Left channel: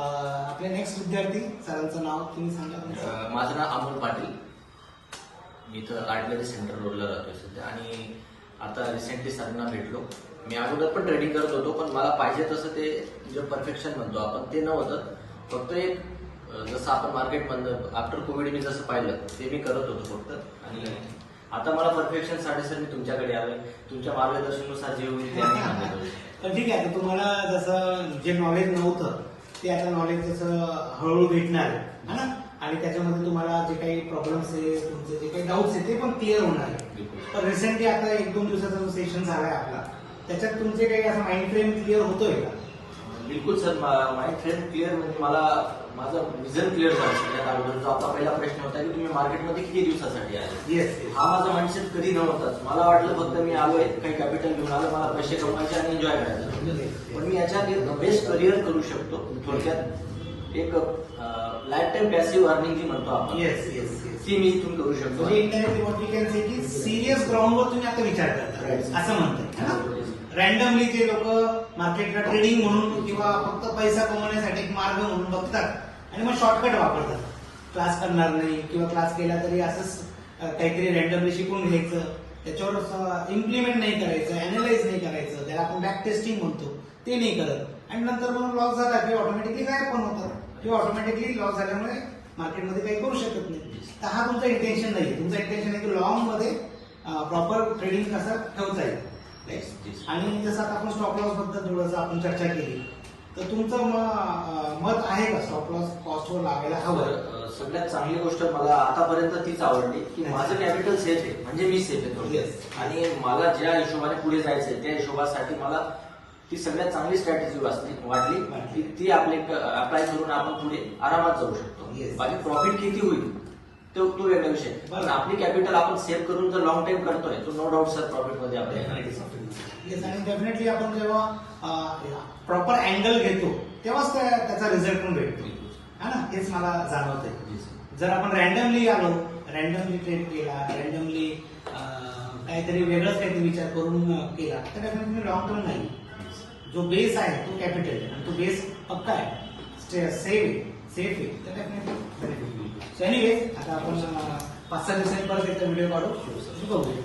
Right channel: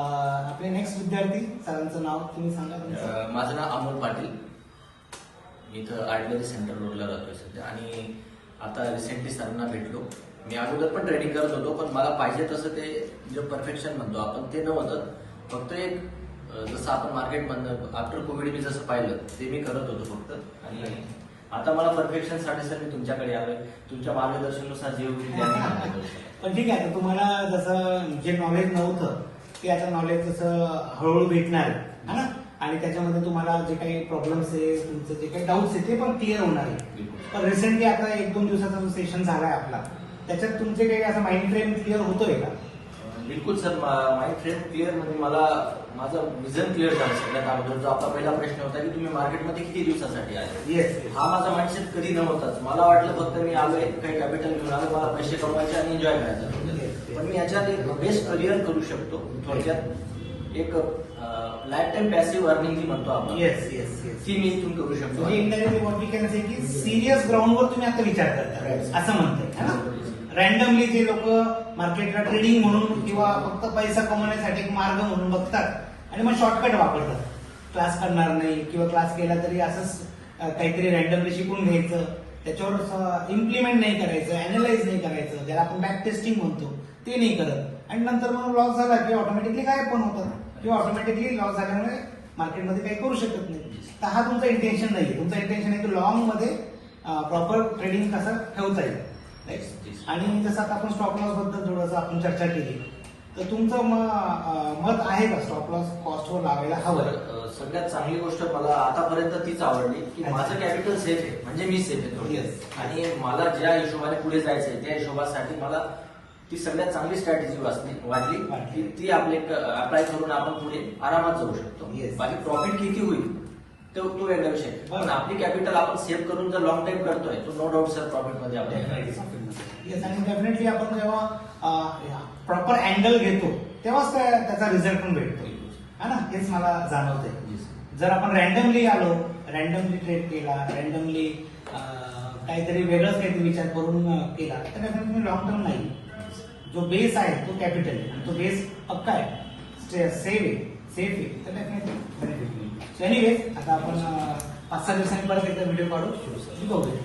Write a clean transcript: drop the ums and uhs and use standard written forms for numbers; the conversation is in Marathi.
आपले नेक्स्ट विद्यार्थी सरांचं नाव तुम्ही सांगा तुमचं. माझं नाव अमोल पाटील. मी इथं आर्टलरी सेंटर रोडला राहतोय सध्या आणि आता रिसेंटली सरांना भेटलो. मी अगोदर पण ट्रेडिंग करत होतो, पण मला पाहिजे तसं ते जे परफेक्शन म्हणतो आपण ते नव्हतं. फक्त एक जसं आपण मार्केटमधनं आफ्टर कोविड मी जसं पाहिलं ते मी करत होतो फक्त. आणि आता मला परफेक्शनसाठी सर मी तुमच्याकडे आलोय. तुमच्या मार्गदर्शनानुसार जे होईल ते आम्ही सांगतो. पण ठीक आहे, तुम्हाला जसं जे नॉलेज नव्हतं ते आता नॉलेज जसं हळूहळू भेटणार आहे ना, आणि त्याच्यामध्ये तुम्हाला जे काही प्रॉब्लेम्स आहे, तुमचे जे काही डाऊट्स आहे ते पण क्लिअर होणार आहे. तर रिसेंटली आता 1-2 दिवसाचा जो सेशन झालाय आपला, त्याच्यात तुमचे काही असं माइंड फ्रेम क्लिअर होतोय का? बिलकुल सर, माइंड फ्रेम क्लिअर म्हणजे मला माझं विजन क्लिअर झालं. सगळ्यात अगोदर जो आपला पहिला प्रश्न होता की तुम्ही मार्केटमध्ये किती दिवसासाठी आले. येस. हा माझा माइंडसेट कधी नव्हताच. मला वाटलं फक्त मी आलोय काही कॅपिटल घेऊन आलो, मला पैसे कमवायचे आणि एन्जॉय करायचं. पण मी याच्यात एक बेस्ट करिअर करू शकतो. थोडक्यात एक लाईफ टाईम पॅसिव्ह अर्निंग जी म्हणतो आपण, येस येस येस ती मी इथून करू शकतो. म्हणजे internet what we can say की सिरियस ग्राउंडवर तुम्ही आता विचार करता असं म्हणताय. रॅन्डमली जे लोक मार्केटला ट्रेडिंग म्हणून किंवा फक्त पैसा कमवण्यासाठी एक मार्ग म्हणून बघतात आणि मग शॉर्टकट वापरतात. क्लास करणार नाही किंवा क्लास केला तरी असंच काहीतरी रॅन्डमली शिकून घ्यायचं, त्याच्यावर इम्प्लिमेंट नाही करायचं, अॅनलाइज नाही करायचं, ज्याला आपण बॅक टेस्टिंग म्हणतो ते नाही करत, आणि नंतर मग लॉस झाला किंवा ऑटोमॅटिकली गायब पण होतात किंवा ऑटोमॅटिकली लॉस झाल्यामुळे मार्केटमध्ये काही करू शकत नाही. तर हा तुमचा इंटेन्शन नाहीये. तुमचं इंटेन्शन आहे की लॉंग मध्ये प्रॉपर ट्रेडिंग कसं ठेवता येईल. आणि जसं आता आपण स्टॉप लॉस बद्दल थोडंसं आपण चर्चा केली, तर तुमचं मत आहे का स्टॉप लॉस कॉस्टवर लावायला हवं? सगळ्यात चांगली गोष्ट मला आतापर्यंत तीच आवडली की माझं कॅपिटल सेफ आहे, म्हणजे मी सेफ आहे थोडक्यात. आणि मला ज्या हिशोबाने पुढे जायचंय त्या हिशोबासाठी मला ती सगळ्यात चांगली स्ट्रॅटेजी वाटली. ती आपले अप्लाय करून आपण पुढे आरामात जाऊ शकतो. बाकी प्रॉफिट किती होईल तो वेगळा विषय, पण आपली कॅपिटल आपण सेव्ह करून जर लॉंग टाइम करतोय तो नो डाऊट सर प्रॉफिट मध्ये आपल्याला. येस, आणि डेफिनेटली आपण जेव्हा प्रॉपर अँगल घेतो तेव्हाच त्याचा रिझल्ट पण भेटतो, है ना. हेच मला जाणवतंय. जर आपण रॅन्डमली आलो, रॅन्डमली ट्रेड केला, रॅन्डमली काहीतरी वेगळंच काहीतरी विचार करून केला, तर डेफिनेटली लॉंग टर्म नाही. जो बेस आहे तो कॅपिटल आहे आणि तो बेस पक्का आहे, सेफ आहे, तर डेफिनेटली. एनिवेज, आता आपण 5-6 दिवसांनी परत एकदा व्हिडिओ काढू बघूया.